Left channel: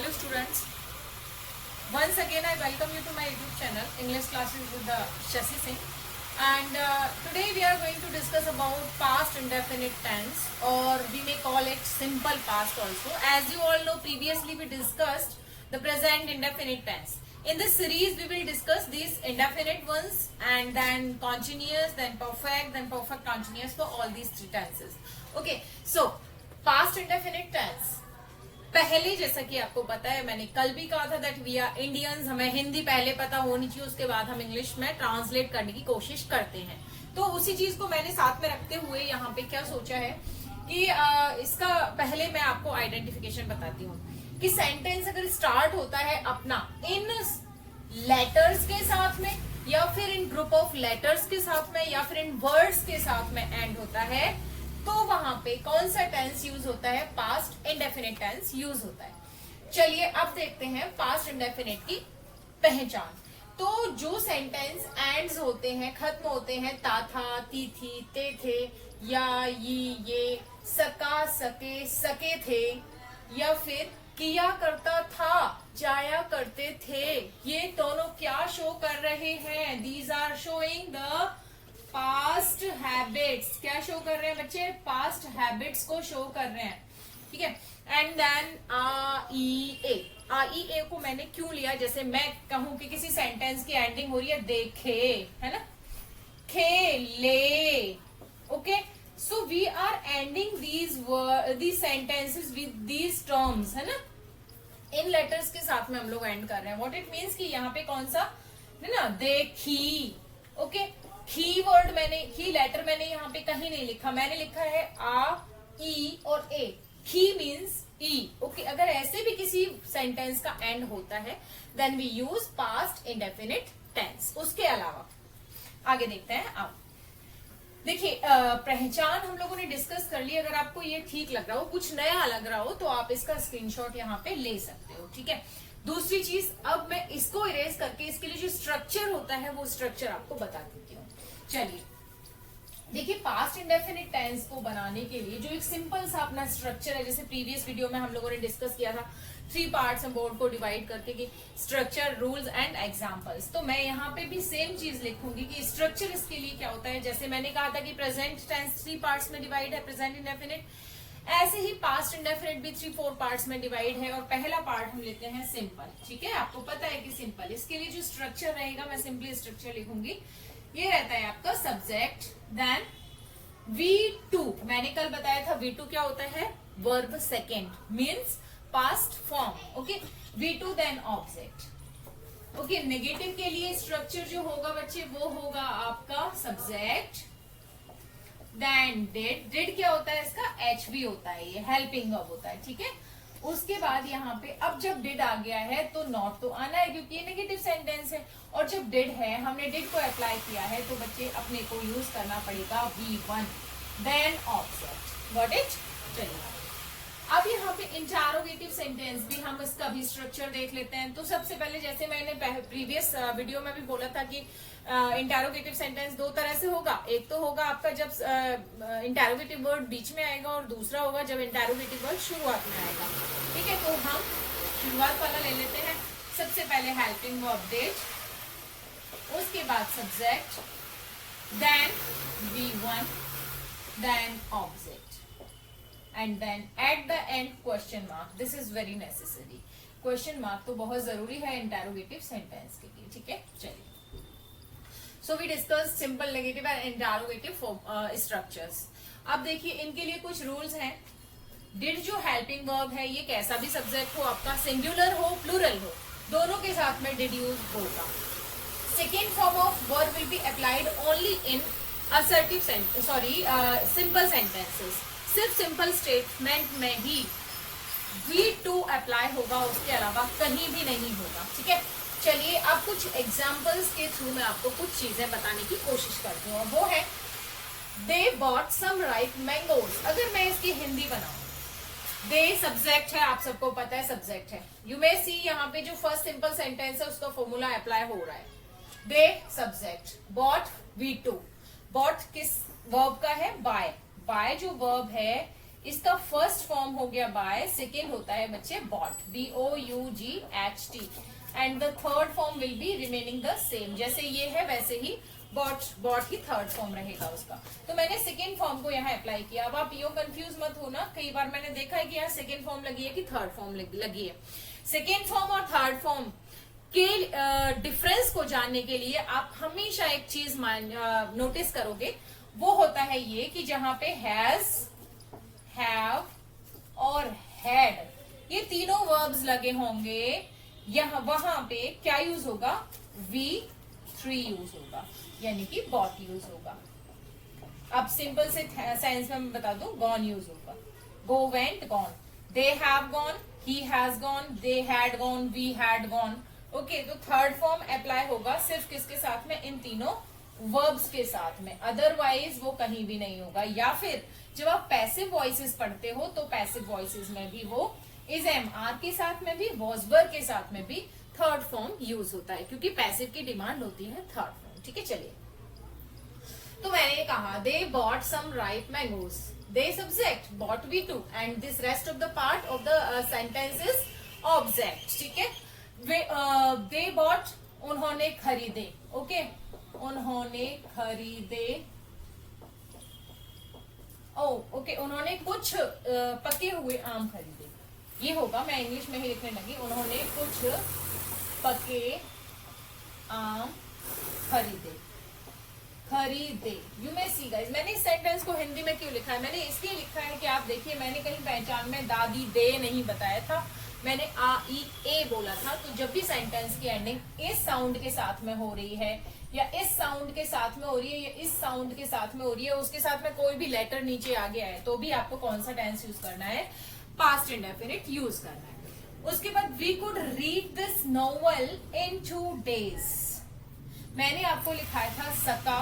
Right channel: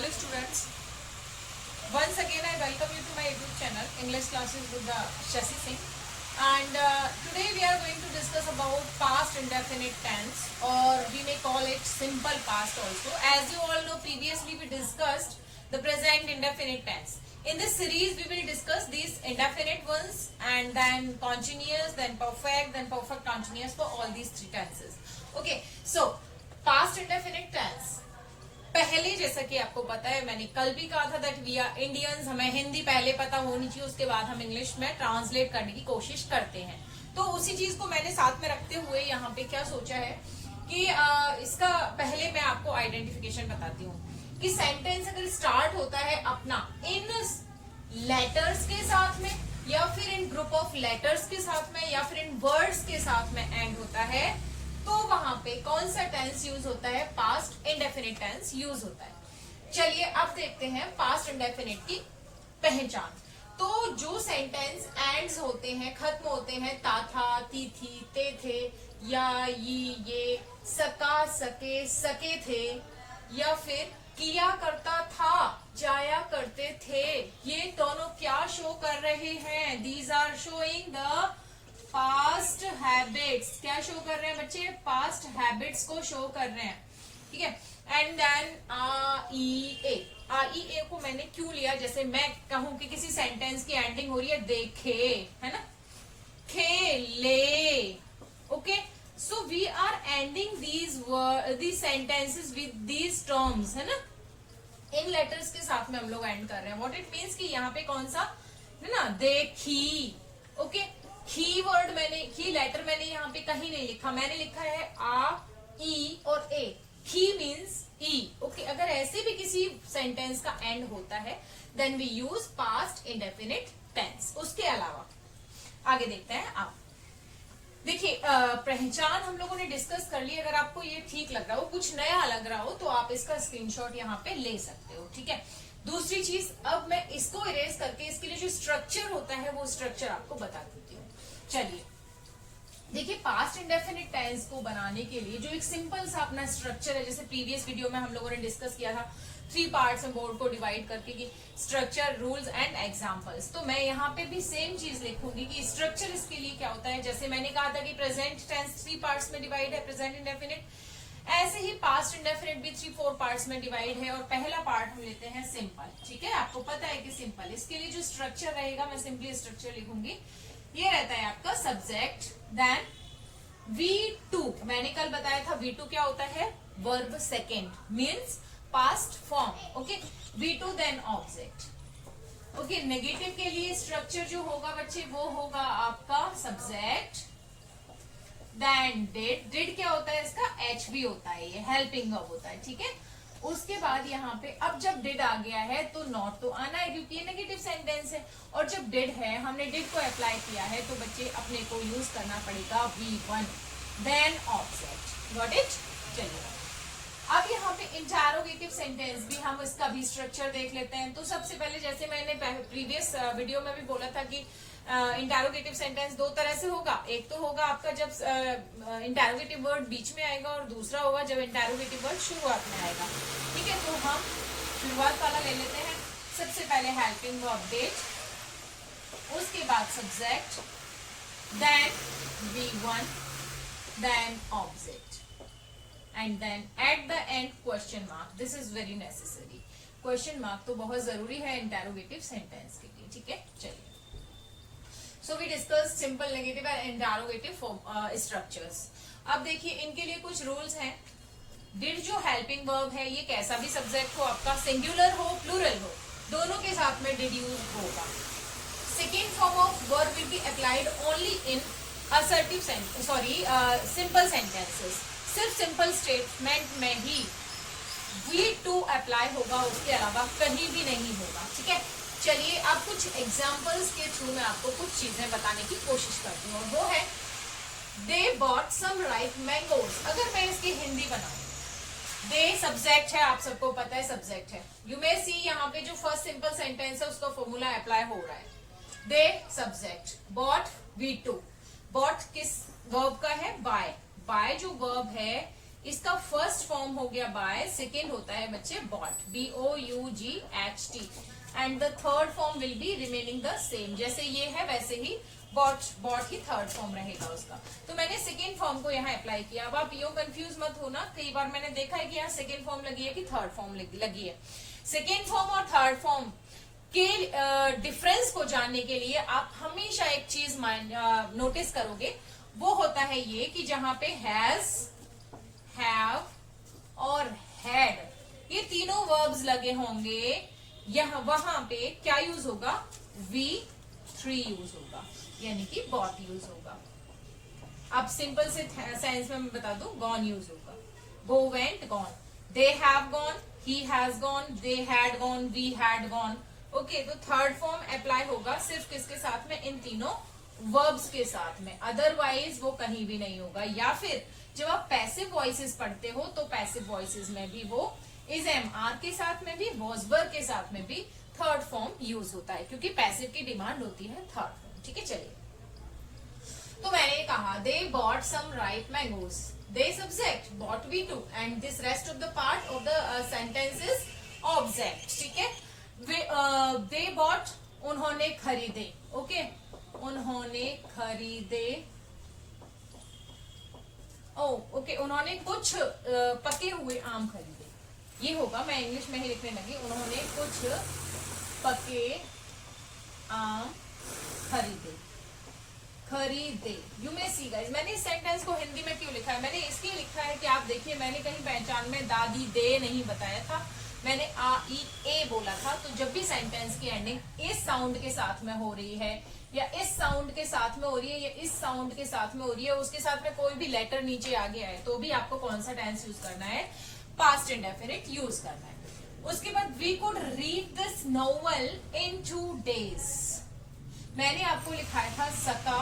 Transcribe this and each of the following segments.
Hello students, once again I welcome you to my YouTube channel English classes with the Shashi Singh, and today we are going to discuss about past indefinite tense, or we may call it simple past also. As you all know, previously we discussed the present indefinite tense. In this series we will discuss these indefinite ones and then continuous, then perfect continuous for all these three tenses. Okay, so past indefinite tense, पहले जैसा कि आपको पता है, मैंने कल भी कहा था दैट वी आर इंडियंस, हमें हिंदी पहले पता होनी चाहिए, उसके बाद हम इंग्लिश में ट्रांसलेट करने की कोशिश करते हैं. तो उसी चीज को मैंने साथ में रखते हुए यहाँ पे क्या सोचा है कि इसका पहले मैं आपको आइडेंटिफिकेशन बताती हूँ कि सेंटेंस अगर स्टार्ट होता है अपना इन लेटर्स के साथ में, या फिर इन ग्रुप ऑफ लेटर्स के साथ में, या फिर इन वर्ड्स के साथ में एंड होता है, तो वहां पे कौन सा टेंस यूज होता है? पास्ट इंडेफिनिट टेंस यूज होता है. चलिए अब देखते हैं पास्ट इंडेफिनिट की पहचान. तो जो सेंटेंस एंड्स होते हैं, खत्म होते हैं ता था, ती थी, ते थे, या ये, सका, सके, सके थे, या फिर किया करता था, जाया करते थे, ये दोनों क्या शो कर रहे हैं? These are showing the past habits. क्या शो कर रहे हैं बच्चे? पास्ट हैबिट्स को शो कर रहे हैं. ठीक है. एंड देन ए को मैंने क्यों लिया? जैसे मैं कहूं कि किसी सेंटेंस की एंडिंग हो रही है देखे, है ना, खेले. Okay, so we are ending these sentences with these terms, है ना, इन लेटर्स के साथ में हम लोग एंड कर रहे हैं. व्हाट इट मीन्स कि यहाँ पे कौन सा है ना, देखी. ओके, की वर्ड की लेटर मैंने यहाँ पे कहीं नहीं लिखा, मैंने लिखा है आ, ई और ए. ही मीन्स ई. ओके, अगर ऐसे भी किसी सेंटेंस का एंड होता है then we use past indefinite tense. उसके अलावा आगे देखते हैं. आप देखिए, पहचान हम लोगों ने डिस्कस कर ली. अगर आपको ये ठीक लग रहा हो, कुछ नया लग रहा हो, तो आप इसका स्क्रीनशॉट यहाँ पे ले सकते हो. ठीक है. दूसरी चीज, अब मैं इसको इरेज करके इसके लिए जो स्ट्रक्चर होता है वो स्ट्रक्चर आपको बता देती हूँ. चलिए देखिए, पास्ट इंडेफिनिट टेंस को बनाने के लिए जो एक सिंपल सा अपना स्ट्रक्चर है, जैसे प्रीवियस वीडियो में हम लोगों ने डिस्कस किया था 3 पार्ट्स में बोर्ड को डिवाइड करके कि स्ट्रक्चर, रूल्स एंड एग्जांपल्स. तो मैं यहाँ पे भी सेम चीज लिखूंगी कि स्ट्रक्चर इसके लिए क्या होता है. जैसे मैंने कहा था कि प्रेजेंट टेंस 3 पार्ट्स में डिवाइड है, प्रेजेंट इंडेफिनिट, ऐसे ही पास्ट इंडेफिनिट भी 3-4 पार्ट्स में डिवाइड है. और पहला पार्ट हम लेते हैं सिंपल. ठीक है, आपको पता है कि सिंपल, इसके लिए जो स्ट्रक्चर रहेगा, मैं सिंपली स्ट्रक्चर लिखूंगी. ये रहता है आपका सब्जेक्ट, देन V2. मैंने कल बताया था V2 क्या होता है? Verb second, means past form. Okay, V2 then object. Okay, negative के लिए स्ट्रक्चर जो होगा बच्चे वो होगा आपका सब्जेक्ट, देन डिड. डिड क्या होता है? इसका HV होता है, ये हेल्पिंग वर्ब होता है. ठीक है. उसके बाद यहाँ पे अब जब डिड आ गया है तो नॉट तो आना है, क्योंकि ये नेगेटिव सेंटेंस है. और जब डिड है, हमने डिड को अप्लाई किया है, तो बच्चे अपने को यूज करना पड़ेगा V1 then object. Got it. चलिए अब यहाँ पे इंटरोगेटिव सेंटेंस भी, हम इसका भी स्ट्रक्चर देख लेते हैं. तो सबसे पहले, जैसे मैंने प्रीवियस वीडियो में भी बोला था कि इंटरोगेटिव सेंटेंस 2 तरह से होगा. एक तो होगा आपका जब इंटरोगेटिव वर्ड बीच में आएगा, और दूसरा होगा जब इंटरोगेटिव वर्ड शुरुआत में आएगा. ठीक है, तो हम शुरुआत वाला ले लेते हैं. सबसे पहले हेल्पिंग वर्ब डिड, उसके बाद subject, then V1, then object, and then at the end question mark. This is very necessary. Question mark तो बहुत जरूरी है इंटरोगेटिव सेंटेंस के लिए. ठीक है. चलिए, so we discuss simple, negative and interrogative structures. अब देखिए, इनके लिए कुछ रूल्स हैं. डिड जो हेल्पिंग वर्ब है, ये कैसा भी सब्जेक्ट हो आपका, सिंगुलर हो प्लूरल हो, दोनों के साथ में डिड यूज होगा. Second form of verb will be applied only in assertive simple sentences. सिर्फ सिंपल स्टेटमेंट में ही V2 अप्लाई होगा, उसके अलावा कहीं भी नहीं होगा. ठीक है. चलिए अब कुछ एग्जाम्पल्स के थ्रू मैं आपको कुछ चीजें बताने की कोशिश करती हूँ, और वो है they bought some ripe mangoes. अगर मैं इसकी हिंदी बनाऊं, दे सब्जेक्ट है, आप सबको पता है सब्जेक्ट है. यू मे सी यहाँ पे जो फर्स्ट सिंपल सेंटेंस है उसका फॉर्मूला अप्लाई हो रहा है. दे सब्जेक्ट, बॉट V2. बॉट किस वर्ब का है? बाय. बाय जो वर्ब है इसका फर्स्ट फॉर्म हो गया बाय, सेकेंड होता है बच्चे bought, BOUGHT, and the third form will be remaining the same. जैसे ये है वैसे ही बॉट ही थर्ड फॉर्म रहेगा उसका। तो मैंने सेकेंड फॉर्म को यहाँ अप्लाई किया। अब आप यो कंफ्यूज मत होना, कई बार मैंने देखा है कि यहाँ सेकेंड फॉर्म लगी है कि थर्ड फॉर्म लगी है। सेकेंड फॉर्म और थर्ड फॉर्म के डिफरेंस को जानने के लिए आप हमेशा एक चीज नोटिस करोगे, वो होता है ये कि जहां पे हैज, हैव और हैड ये तीनों वर्ब्स लगे होंगे, यहाँ वहां पे क्या यूज होगा, V3 यूज होगा, यानी कि बॉट यूज होगा। अब सिंपल से साइंस में मैं बता दूं, गॉन यूज होगा, go, went, gone, they have gone, he has gone, they had gone, we had gone. Okay, तो थर्ड फॉर्म अप्लाई होगा सिर्फ किसके साथ में, इन तीनों वर्ब्स के साथ में, अदरवाइज वो कहीं भी नहीं होगा। या फिर जब आप पैसिव वॉइसेस पढ़ते हो तो पैसिव वॉइसेस में भी वो इज MR के साथ में भी, वॉज वर के साथ में भी थर्ड फॉर्म यूज होता है, क्योंकि पैसिव की डिमांड होती है थर्ड फॉर्म। ठीक है, चलिए, तो मैंने कहा they bought some ripe mangoes, they subject, bought V2, and this rest of the part of the sentence is object. ठीक है, दे बॉट, उन्होंने खरीदे, ओके, उन्होंने खरीदे, ओके, उन्होंने कुछ पके हुए आम खरीदे, ये होगा, मैं इंग्लिश में ही लिखने लगी, उन्होंने कुछ पके आम खरीदे, खरीदे। यू मे सी गाइस, मैंने इस सेंटेंस को हिंदी में क्यों लिखा है, मैंने इसलिए लिखा है कि आप देखिए, मैंने कहीं पहचान में दादी दे नहीं बताया था, मैंने आ ई ए बोला था। तो जब भी सेंटेंस की एंडिंग इस साउंड के साथ में हो रही है, या इस साउंड के साथ में हो रही है, या इस साउंड के साथ में हो रही है, उसके साथ में कोई भी लेटर नीचे आ गया है, तो भी आपको कौन सा टेंस यूज करना है, पास्ट इंडेफिनिट यूज करना है। उसके बाद we could read this novel in 2 days, मैंने आपको लिखाया था सका,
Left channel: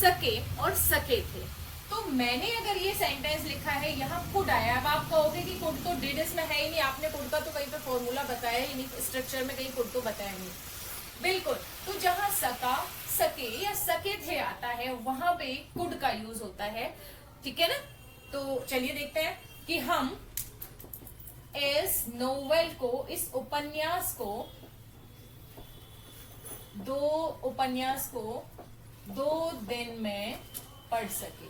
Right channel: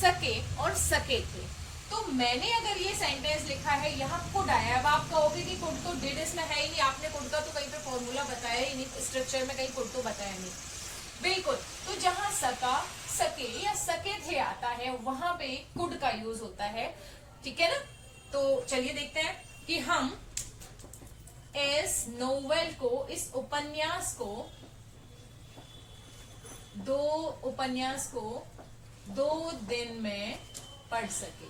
सके और सके थे। तो मैंने अगर ये सेंटेंस लिखा है, यहाँ कुड आया, अब आप कहोगे कि कुड तो डिड इसमें है ही नहीं, आपने कुड का तो कहीं पे फॉर्मूला बताया ही नहीं, स्ट्रक्चर में कहीं कुड तो बताया नहीं, बिल्कुल। तो जहां सका, सके या सके थे आता है, वहां पे कुड का यूज होता है। ठीक है ना, तो चलिए देखते हैं कि हम इस नोवेल को, इस उपन्यास को, उपन्यास को 2 दिन में पढ़ सके।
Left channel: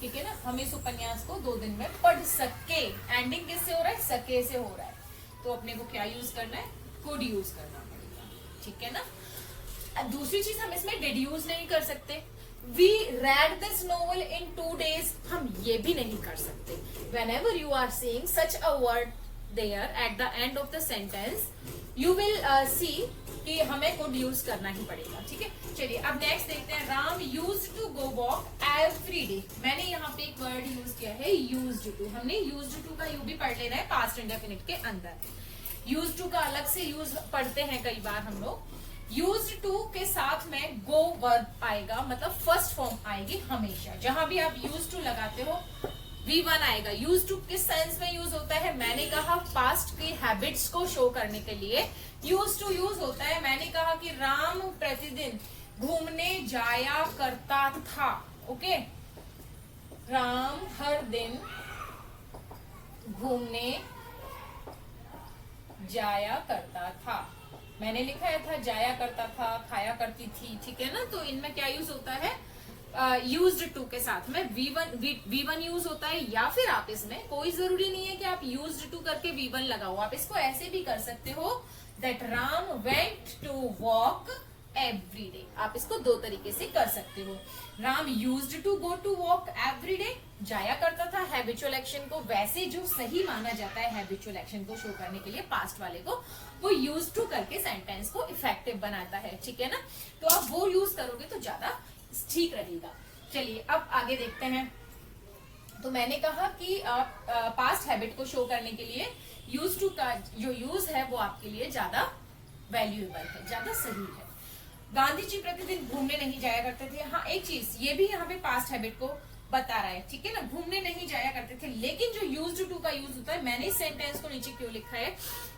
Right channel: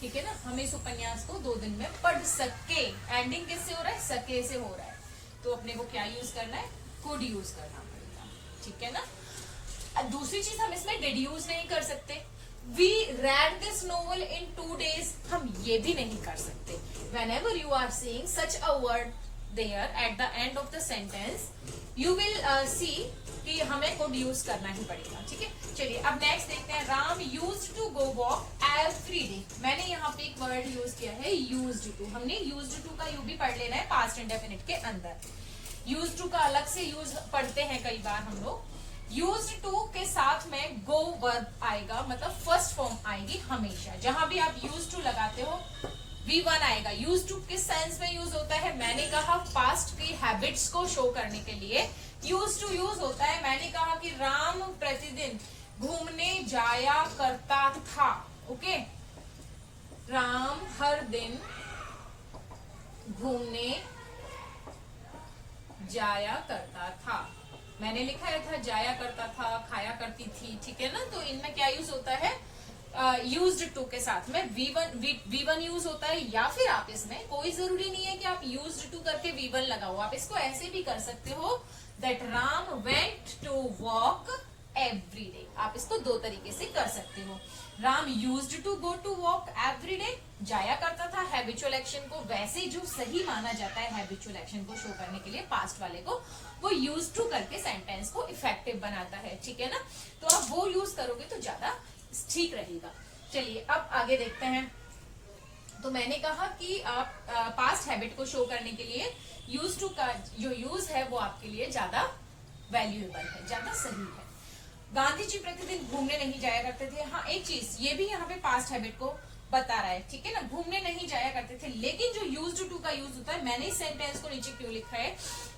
ठीक है ना, हम इस उपन्यास को 2 दिन में पढ़ सके, एंडिंग किससे हो रहा है, सके से हो रहा है, तो अपने को क्या यूज करना है, कुड यूज करना पड़ेगा। ठीक है ना, दूसरी चीज हम इसमें डिड यूज नहीं कर सकते, we read this novel in 2 days, हम ये भी नहीं कर सकते। whenever you are seeing such a word there at the end of the sentence, you will see कि हमें could यूज करना ही पड़ेगा। ठीक है, चलिए अब नेक्स्ट देखते हैं, Ram used to go walk every day, मैंने यहाँ पे एक वर्ड यूज किया है यूज्ड टू, हमने यूज्ड टू का यू भी पढ़ लेना है पास्ट इंडेफिनिट के अंदर। यूज्ड टू का अलग से यूज पढ़ते हैं कई बार हम लोग। यूज्ड टू के साथ में गो वर्ब आएगा, मतलब फर्स्ट फॉर्म आएगी हमेशा, जहां भी आप यूज टू लगाते हो V1 आएगा। यूज टू किस सेंस में यूज होता है, मैंने कहा पास्ट की हैबिट्स को शो करने के लिए यूज टू यूज होता है। मैंने कहा कि राम प्रतिदिन घूमने जाया करता था, ओके, राम हर दिन घूमने जाया करता था, मैंने लिखा था जाया करता था, खाया करती थी। ठीक है ना, तो इनमें क्या यूज होता है, यूज्ड टू के साथ में V1 यूज होता है, या फिर आप इसमें कोई जरूरी नहीं है कि आप यूज्ड टू करके V1 लगाओ, आप इसको ऐसे भी कर सकते हो, that Ram went to walk every day, आप इसको 2 तरीके से कर सकते हो। Ram used to go to walk every day, जाया करता था, हैबिचुअल एक्शन को वैसे जो सही माना जाता है हैबिचुअल एक्शन को शो करने के लिए पास्ट वाले को, वो यूज टू करके सेंटेंस को इफेक्टिव बनाता है। ठीक है ना, तो आप वो यूज करोगे तो ज्यादा ठीक रहेगा। चलिए अब आगे देखते हैं। तो मैंने कहा कि आप पास्ट हैबिट को शो करने के लिए यूज टू का जो यूज है वो आपके लिए ज्यादा वैल्यूएबल है, ज्यादा सही है। गांधी जी प्रतिदिन घूमने नहीं जाया करते थे, हाँ एक चीज ये भी यहाँ पे पास्ट हैबिट को बता रहा है। ठीक है ना, घूमने नहीं जाया करते थे, लेकिन जो यूज्ड टू का यूज होता है, मैंने इस सेंटेंस को नीचे क्यों लिखा है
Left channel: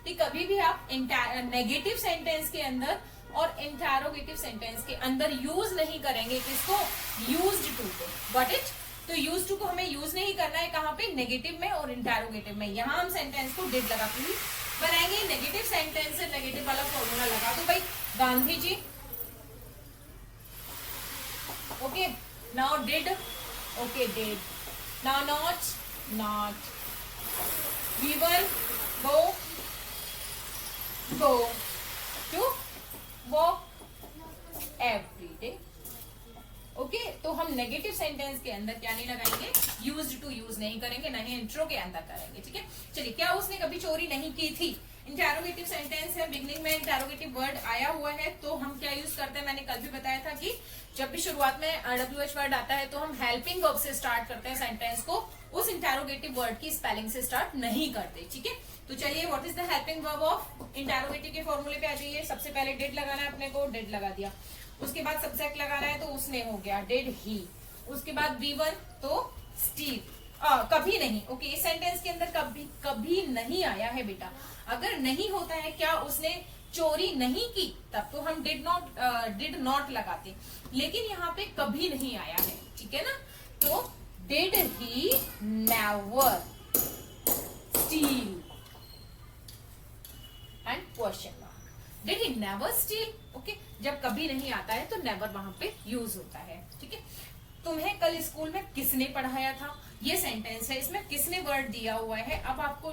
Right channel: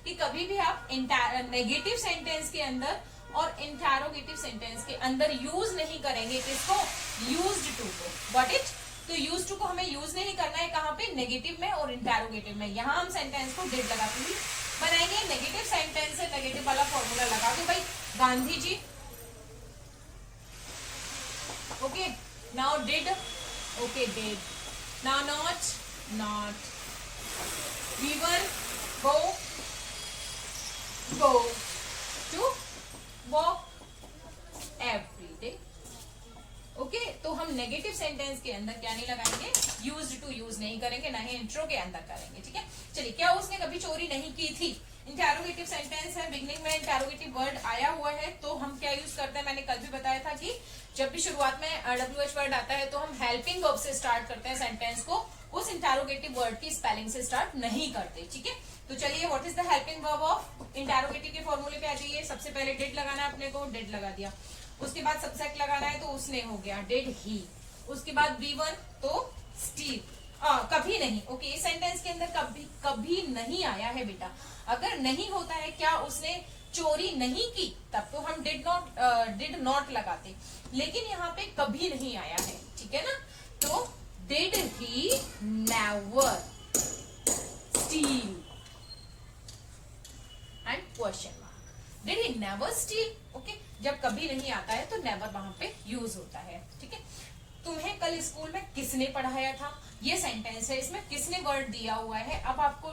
कि कभी भी आप नेगेटिव सेंटेंस के अंदर और इंटरोगेटिव सेंटेंस के अंदर यूज नहीं करेंगे किसको, यूज्ड टू को। गॉट इट, तो यूज टू को हमें यूज नहीं करना है कहाँ पे, नेगेटिव में और इंटेरोगेटिव में। यहाँ हम सेंटेंस को डिड लगा के बनाएंगे। नेगेटिव सेंटेंस से नेगेटिव वाला फॉर्मूला लगा दो भाई, Gandhi ji. Okay, now did, okay did, now not, not, we will go to work every day। Okay, तो हम नेगेटिव सेंटेंस के अंदर क्या नहीं लगाएंगे, यूज्ड टू यूज नहीं करेंगे, ना ही इंट्रो के अंदर करेंगे। ठीक है, चलिए, क्या उसने कभी चोरी नहीं की थी, इंटेरोगेटिव सेंटेंस है, बिगनिंग में इंटेरोगेटिव वर्ड आया हुआ है, तो हम क्या यूज करते हैं, मैंने कल भी बताया था कि जब भी शुरुआत में WH वर्ड आता है तो हम हेल्पिंग वर्ब से स्टार्ट करते हैं सेंटेंस को, उस इंटेरोगेटिव वर्ड की स्पेलिंग से स्टार्ट नहीं करते। ठीक है, तो चलिए, what is the helping verb of interrogative के फॉर्मूले पे आ जाइए। सबसे पहले डिड लगाना है अपने को, डिड लगा दिया। उसके बाद सब्जेक्ट लगाना है, तो उसने हो गया डिड ही। उसके बाद V1 तो स्टील, कभी नहीं। ओके, इस सेंटेंस के अंदर कभी नहीं आया है बेटा। अगर नहीं होता है, क्या उसने चोरी नहीं की, तब तो हम डिड नॉट लगाते, लेकिन यहाँ पे कभी नहीं आया है। ठीक है ना, तो did he never steel and question mark, did he never steel. Okay, जब कभी नहीं आता है तो नेवर वहां पे यूज होता है। ठीक है, तुम्हें कल स्कूल में किसने पढ़ाया था, ये सेंटेंस है, इसमें किसने वर्ड दिया हुआ है। अब आपको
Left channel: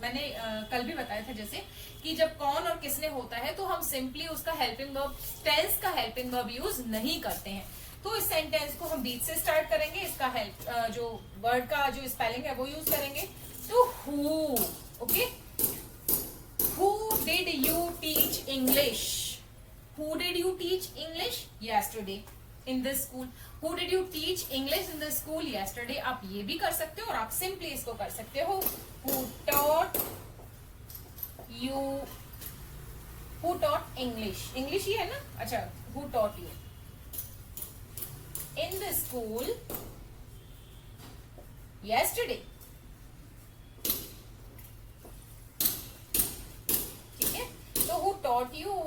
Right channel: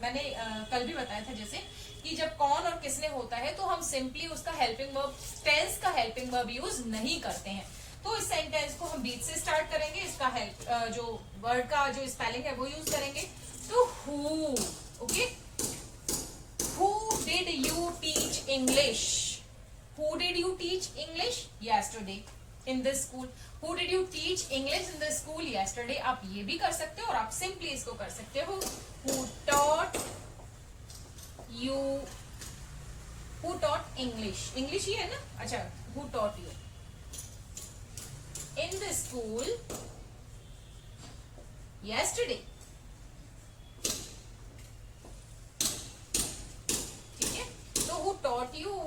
मैंने कल भी बताया था जैसे कि जब कौन और किसने होता है तो हम सिंपली उसका हेल्पिंग वर्ब, टेंस का हेल्पिंग वर्ब यूज नहीं करते हैं। तो इस सेंटेंस को हम बीच से स्टार्ट करेंगे, इसका हेल्प जो वर्ड का जो स्पेलिंग है वो यूज करेंगे। तो who, okay, who did you teach English, who did you teach English yesterday in this school, who did you teach English in the school yesterday। आप ये भी कर सकते हो और आप सिंपली इसको कर सकते हो, who taught you, who taught English, English ही है ना, अच्छा, who taught you in the school yesterday। ठीक है, तो who taught you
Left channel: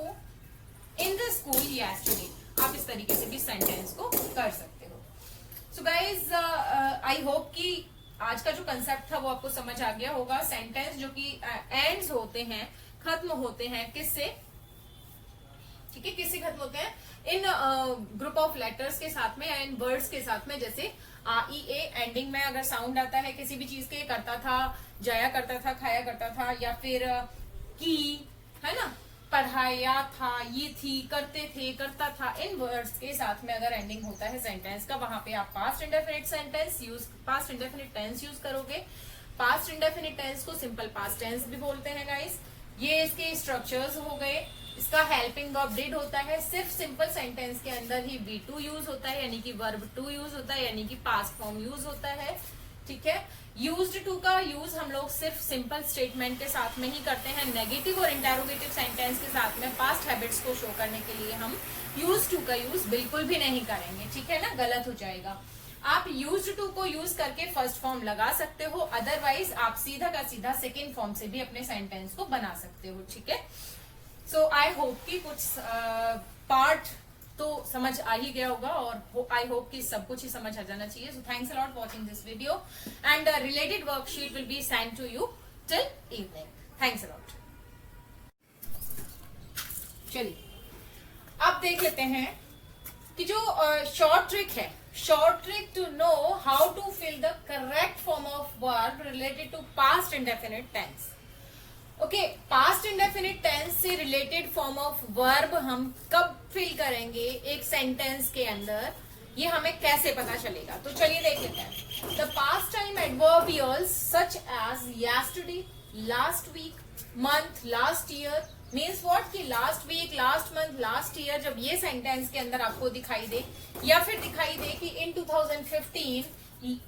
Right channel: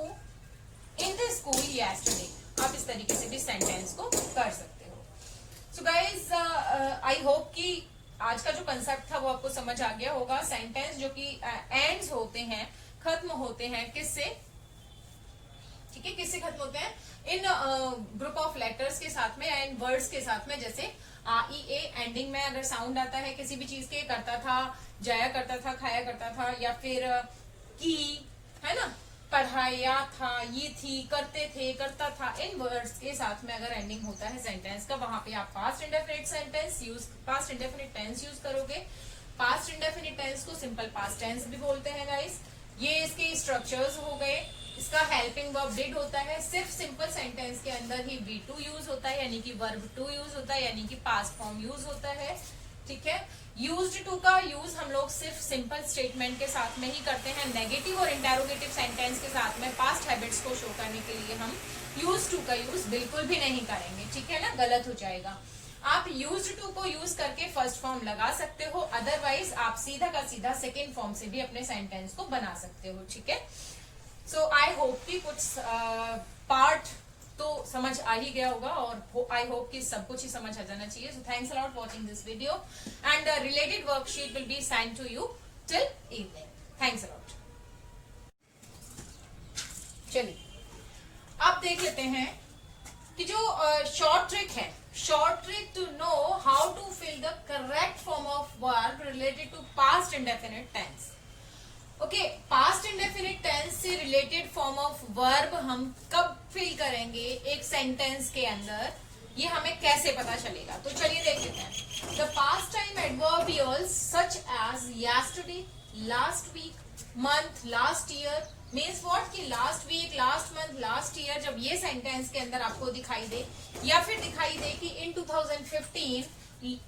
in the school yesterday, आप इस तरीके से भी सेंटेंस को कर सकते हो। सो गाइज, आई होप कि आज का जो कंसेप्ट था वो आपको समझ आ गया होगा। सेंटेंस जो कि एंड्स होते हैं, खत्म होते हैं किससे, ठीक है, किससे खत्म होते हैं, इन ग्रुप ऑफ लेटर्स के साथ में, इन वर्ड्स के साथ में। जैसे ई ए एंडिंग में अगर साउंड आता है किसी भी चीज के, करता था, जाया करता था, खाया करता था, या फिर की, है ना, पढ़ाया था, ये थी, करते थे, करता था, इन वर्ड्स के साथ में अगर एंडिंग होता है सेंटेंस का, वहां पे आप past indefinite sentence use, past indefinite tense use करोगे। पास्ट इंडेफिनिट टेंस को सिंपल पास्ट टेंस भी बोलते हैं गाइस। ये इसके स्ट्रक्चर्स हो गए। इसका हेल्पिंग वर्ब डिड होता है, सिर्फ सिंपल सेंटेंस के अंदर ही V2 यूज होता है, यानी कि वर्ब टू यूज होता है, यानी कि पास्ट फॉर्म यूज होता है। ठीक है, यूज्ड टू का यूज हम लोग सिर्फ सिंपल स्टेटमेंट के साथ में ही करते हैं। नेगेटिव और इंटेरोगेटिव सेंटेंस के साथ में पास्ट हैबिट्स को शो करने के लिए हम यूज्ड टू का यूज बिल्कुल भी नहीं करेंगे। ठीक है ना, गलत हो जाएगा। आप यूज्ड टू को यूज करके फर्स्ट फॉर्म लगा सकते हो, अदरवाइज आप सीधा का सीधा सेकेंड फॉर्म से भी अपने सेंटेंस को बना सकते हो। ठीक है, सो आई होप कि कुछ पार्ट तो समझ आ ही गया होगा, और आई होप कि सब कुछ ही समझ आ जाना चाहिए। So thanks a lot watching this video, and related worksheet will be send to you till evening. Thanks a lot. चलिए, अब देख लेते हैं कि जो शॉर्ट ट्रिक है, short trick to know how to fill the correct form of verb related to past indefinite tense. Okay, past indefinite tense से related form of verb हम कब फिल करेंगे एक सेंटेंस के अंदर, ये हमें कैसे पता चलेगा। तो चलिए देख लेते हैं। The past time adverbials such as yesterday, last week, month, last year means what, कि last week, last month, last year जब ये सेंटेंस के अंदर आपको दिखाई दे, या फिर दिखाई दे कि इन 2015,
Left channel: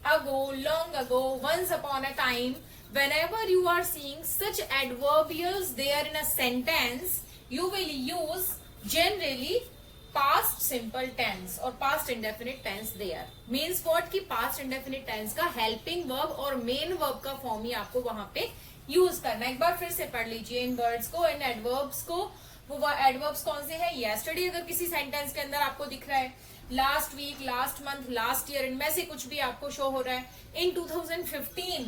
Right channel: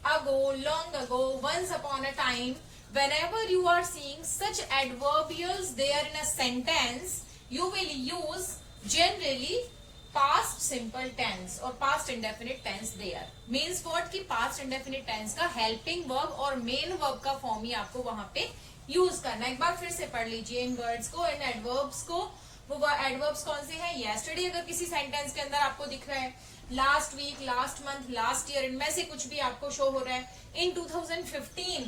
ago, long ago, once upon a time, whenever you are seeing such adverbials there in a sentence, you will use generally past simple tense or past indefinite tense there। means what, कि past indefinite tense का helping verb और main verb का form ही आपको वहां पे use करना है। एक बार फिर से पढ़ लीजिए इन वर्ड्स को, इन एडवर्ब्स को। वो एडवर्ब्स कौन से हैं, yesterday अगर किसी सेंटेंस के अंदर आपको दिख रहा है, last week, last month, last year, इनमें से कुछ भी आपको शो हो रहा है, in 2015,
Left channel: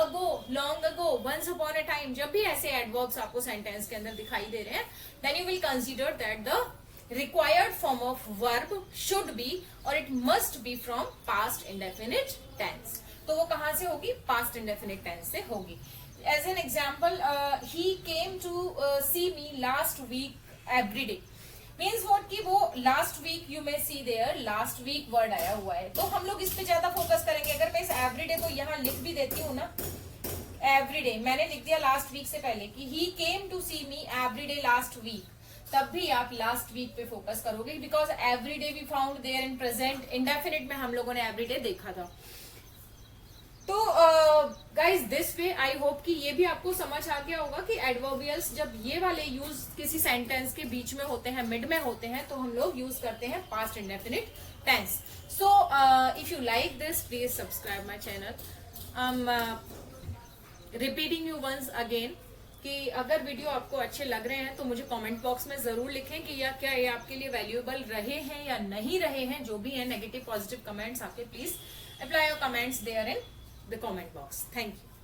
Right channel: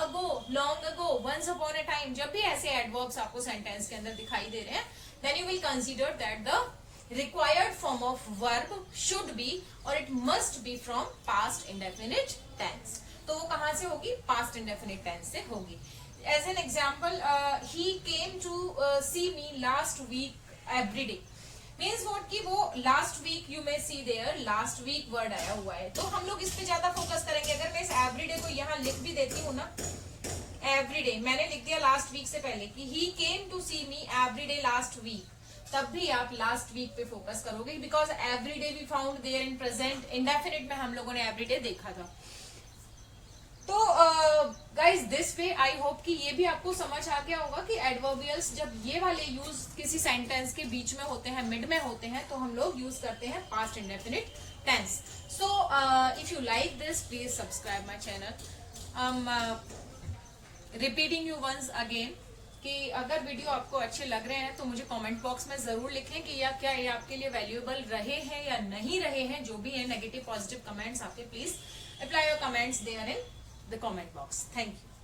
ago, long ago, once upon a time, जब भी ऐसे एडवर्ब्स आपको सेंटेंस के अंदर दिखाई दे रहे हैं, then you will consider that the required form of verb should be और it must be from past indefinite tense. तो वो कहां से होगी? पास्ट इंडेफिनिट टेंस से होगी। As an example, he came to see me last week every day, means what की वो last week, you may see there last week word आया हुआ है, तो हम लोग इस पे ज्यादा फोकस करेंगे। अगर मैं इस एवरीडे को यहाँ लिख भी देती हूँ ना, एवरीडे मैंने लिख दिया लास्ट वीक से पहले कि he came to see me everyday last week, तब भी आप लास्ट वीक पे फोकस करोगे, because everyday we found there in present indefinite में हम लोगों ने एवरीडे देखा था। तो guys this way I hope कि ये भी आपको समझ आ गया होगा कि एडवर्बियल्स जब ये वाले यूज किसी सेंटेंस के बीच में होते हैं, मिड में होते हैं, तो हम लोग यूज करते हैं past indefinite tense. So if you like this, please subscribe my channel. Repeating you once again कि अगर वीडियो आपको अच्छे लग रहे हैं तो मुझे कमेंट बॉक्स में जरूर लिखें कि या क्या ये आपके लिए वैल्यूएबल रहे हैं या नहीं रहे हैं। जो भी है नेगेटिव पॉजिटिव कमेंट्स आपके, please apply your comments there in the comment box. Thank you.